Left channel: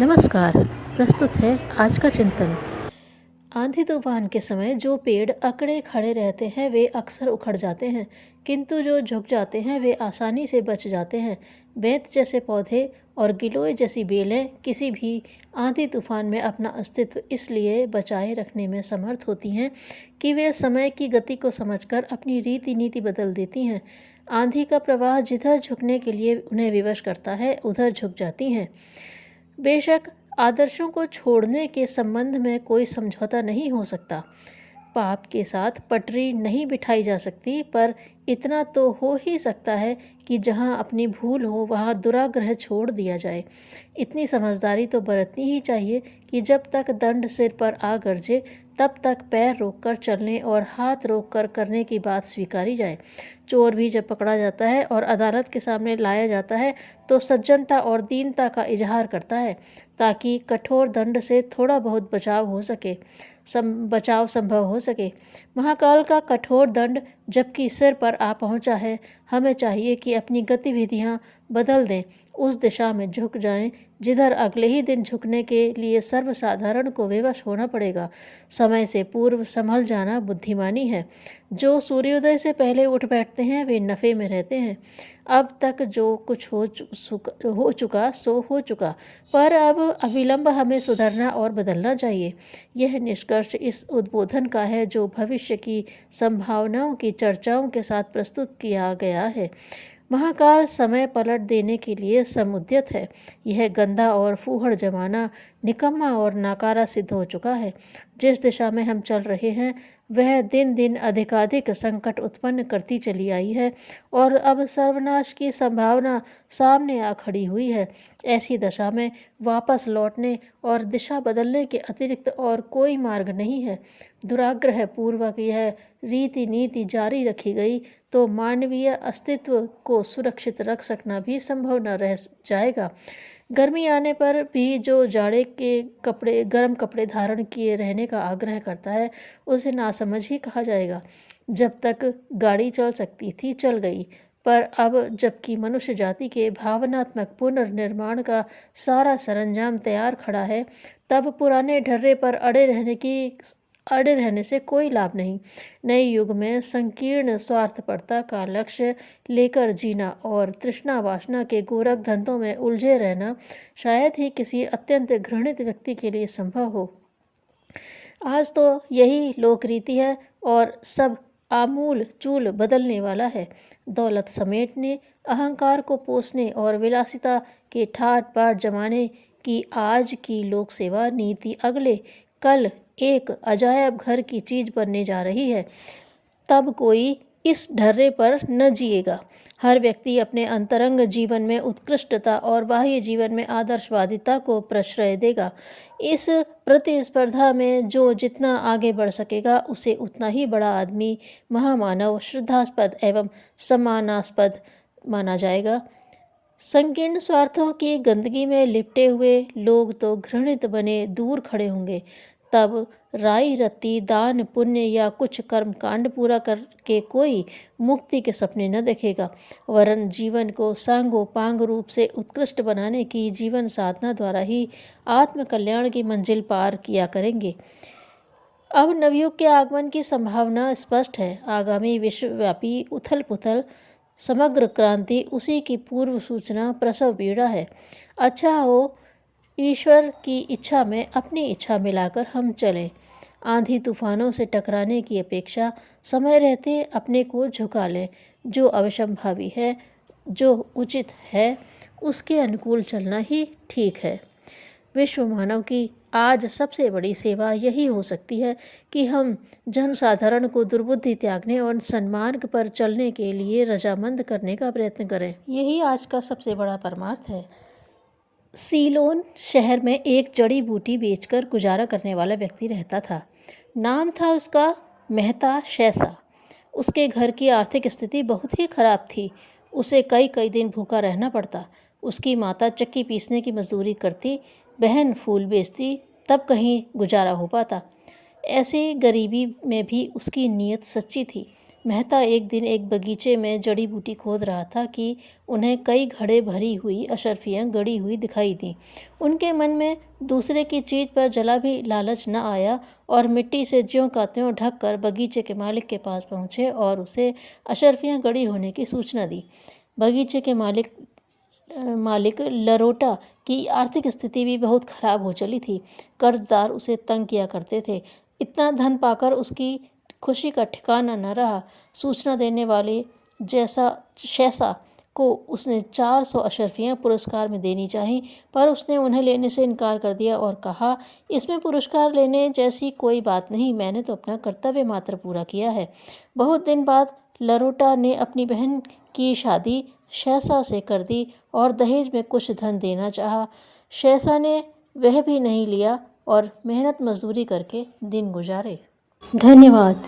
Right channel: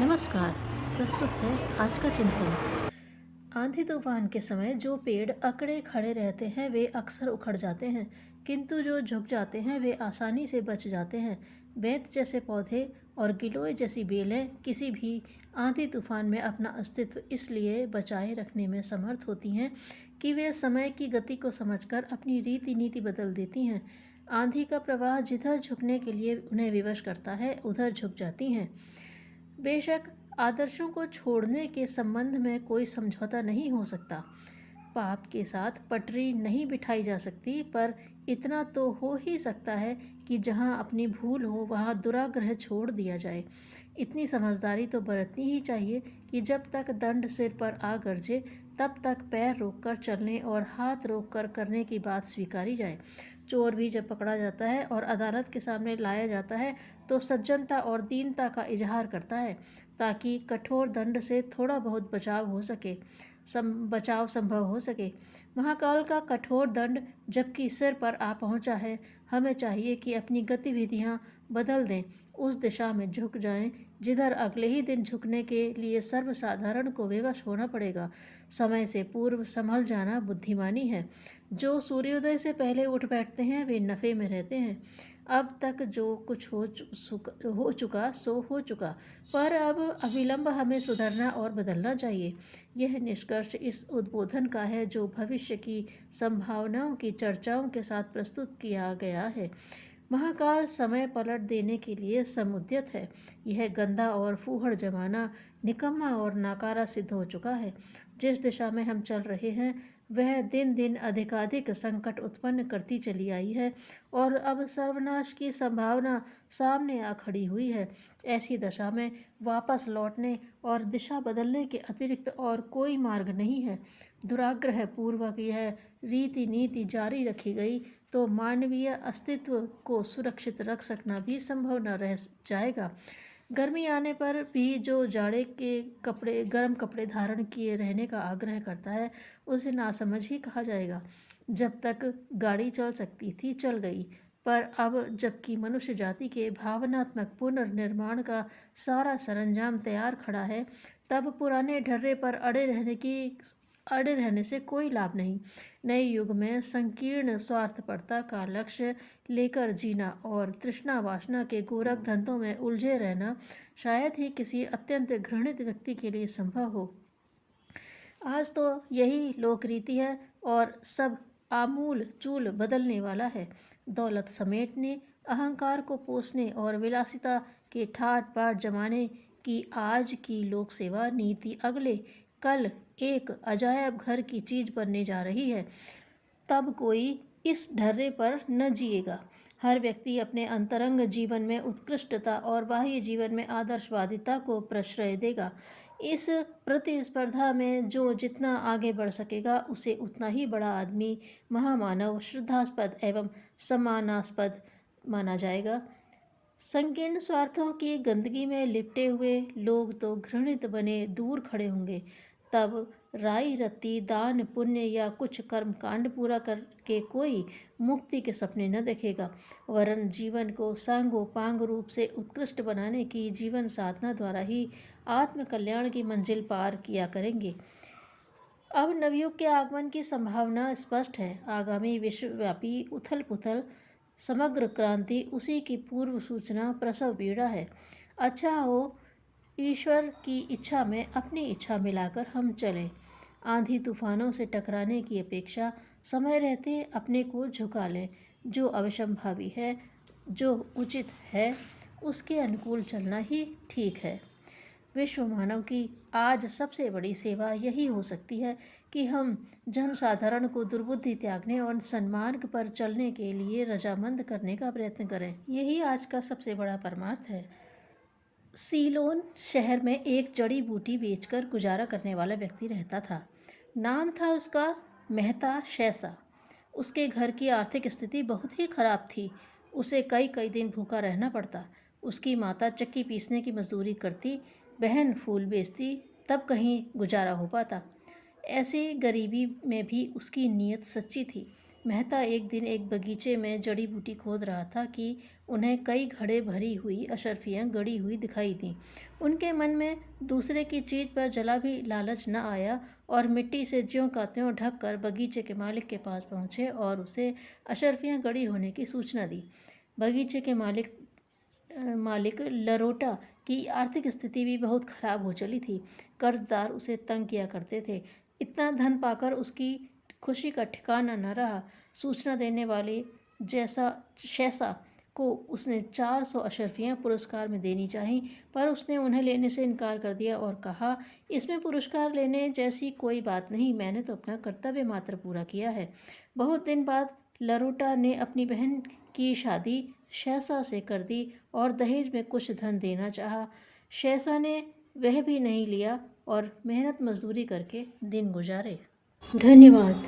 नमस्कार। प्रस्तुत है आज का चिंतन। आंधी तूफान के समय जो पेड़ अकड़े खड़े रहते हैं वे अक्सर उखड़ जाते हैं, किंतु जो झुक जाते हैं वे आसानी से बच जाते हैं। बेंत जैसे पौधे और गिलोय जैसी बेलें किसी भी आंधी तूफान में अपना अस्तित्व इसलिए बचाए रखने में समर्थ होती हैं कि वे समय की गति को समझकर अपनी रीति नीति बदल देती हैं। आंधी का प्रवाह जिधर झुकने के लिए उन्हें विवश करता है उधर झुक जाती हैं। बेशक आदर्शों को छोड़ने के संबंध में कोई समझौता नहीं हो सकता। पाप के साथ पटरी नहीं बिठाई जा सकती, पर इतना तो हो ही सकता है कि जहाँ अपनी भूल हो वहाँ दुराग्रह छोड़ दिया जाए। इतनी समझदारी तो बरतनी ही चाहिए कि जब तक दंड सिर पर आ गरजे तब तक पैर रोककर चलने और हाथ रोककर करने की बात स्वीकारी जाए। चोर भी जब पकड़ा जाता है और अदालत के सामने लाया जाता है तो सज्जनता और दीनता का इजहार करता है, ताकि कठोर दंड से थोड़ा बहुत बचाव संभव हो सके। महाकाल का कठोर दंड जबकि सिर पर आ पहुंचा है, हमें चाहिए कि अपनी गतिविधियां बदल दें, उस दिशा में झुक जाएं जिधर अगले ही दिन झुकने के लिए सर्वसाधारण को विवश होना पड़ेगा। समय से पूर्व संभल जाना बुद्धिमानी है। जो सूर्योदय से पहले उठ बैठते हैं वे नफ़े में रहते हैं। अब तक जो कुछ हो चुका सो हो चुका, पर अब अविलंब हमें सुधरना और बदलना चाहिए। यह निष्कर्ष इस उद्बोधन का है जो भविष्य की संभावनाओं की चर्चाओं के साथ प्रस्तुत किया गया है। महाकाल समय पलट देने के लिए समुद्यत है। यह गंदा और फूहड़ जमाना निकम्मा और नाकारा सिद्ध हो चुका है। जिस दिशा में हम चल रहे हैं वह दिन दिन अधिकाधिक संकट उत्पन्न करती चली आई है और अब सर्वनाश की संभावना सामने आ खड़ी हुई है। ऐसी दशा में वापस लौटने और दिशा बदलने के अतिरिक्त और कोई मार्ग नहीं है। दुराग्रह पूर्वक यह रीति नीति जारी रखी गई तो मानवीय अस्तित्व को सुरक्षित रख सकना भी संभव न रह जाएगा। गर्मी आने पर भी जो जाड़े के गर्म कपड़े धारण किए रहने का आग्रह करता है उसे नासमझ ही कहा जाएगा। जब तक गाड़ी चल सकती थी चल गई, पर अब जबकि मनुष्य जाति के भावनात्मक पुनर्निर्माण का सारा सरंजाम तैयार खड़ा है, तब पुराने ढर्रे पर अड़े रहने से कोई लाभ नहीं। नए युग में संकीर्ण स्वार्थपरता का लक्ष्य लेकर जीना और तृष्णा वासना के गोरख धंधों में उलझे रहना शायद ही किसी अत्यंत घृणित व्यक्ति के लिए संभव हो। आज तो यही लोकरीति है और सब आमूल चूल बदलने वाला है। दौलत समेटने, अहंकार को पोसने और विलासिता के ठाट बाट जमाने की आज की लोक सेवा नीति अगले कल एक अजायब घर की चीज बनने जा रही है। तब कोई इस ढर्रे पर न जिएगा। हर व्यक्ति अपने अंतरंग जीवन में उत्कृष्टता और बाह्य जीवन में आदर्शवादिता को प्रश्रय देगा। इस प्रतिस्पर्धा में जो जितना आगे बढ़ सकेगा उसे उतना ही बड़ा आदमी, महामानव, श्रद्धास्पद एवं सम्मानास्पद माना जाएगा। संकीर्ण स्वार्थों की गंदगी में लिपटे हुए लोग तो घृणित बने दूर खड़े होंगे। तब राई रत्ती दान पुण्य या कुछ कर्म कांड पूरा करके कोई मुक्ति के सपने न देखेगा, वरन जीवन को सांगो पांग रूप से उत्कृष्ट बनाने की जीवन साधना द्वारा ही आत्म कल्याण की मंजिल पार किया करेंगे। अब नवयुग के आगमन की संभावना स्पष्ट है। आगामी विश्वव्यापी उथल पुथल, समग्र क्रांति उसी की पूर्व सूचना, प्रसव पीड़ा है। अच्छा हो ईश्वर की इच्छा में अपनी इच्छा मिलाकर हम चलें। आंधी तूफानों से टकराने की अपेक्षा समय रहते अपने को झुका लें। जो अवश्यंभावी है, जो उचित है, उसके अनुकूल चलना ही ठीक है। विश्व मानव की आज सबसे बड़ी सेवा यही हो सकती है कि हम जनसाधारण को दुर्बुद्धि त्यागने और सन्मार्ग पर चलने के लिए रजामंद करने का प्रयत्न करें। यही आज का सबसे बड़ा परमार्थ है। सीलोन शहर में एक जड़ी बूटी बेचकर गुजारा करने वाला व्यक्ति रहता था। नाम था उसका मेहता शैसा। उसके घर की आर्थिक स्थिति बहुत ही खराब थी। उसे कई कई दिन भूखा रहना पड़ता। उसकी माता चक्की पीसने की मजदूरी करती, बहन फूल बेचती, तब कहीं गुजारा हो पाता। ऐसी गरीबी में भी उसकी नीयत सच्ची थी। मेहता एक दिन एक बगीचे में जड़ी बूटी खोद रहा था कि उन्हें कई घड़े भरी हुई अशर्फियाँ गड़ी हुई दिखाई दी। उनके मन में दूसरे की चीज़ पर जला भी लालच न आया और मिट्टी से ज्यों का त्यों ढक कर बगीचे के मालिक के पास पहुँचे और उसे अशर्फियाँ गड़ी होने की सूचना दी। बगीचे के मालिक लरोटा की आर्थिक स्थिति भी बहुत खराब हो चली थी। कर्जदार उसे तंग किया करते थे। इतना धन पाकर उसकी खुशी का ठिकाना न रहा। सूचना देने वाले जैसा शैसा को उसने 400 अशर्फियाँ पुरस्कार में देनी चाही, पर उसने उन्हें लेने से इनकार कर दिया और कहा, इसमें पुरस्कार लेने जैसी कोई बात नहीं, मैंने तो अपना कर्तव्य मात्र पूरा किया है। बहुत दिन बाद लरोटा ने अपनी बहन की शादी शैसा से कर दी और दहेज में कुछ धन देना चाहा। शैसा ने वह भी नहीं लिया और मेहनत मजदूरी करके दिन गुजारे। धन्यवाद।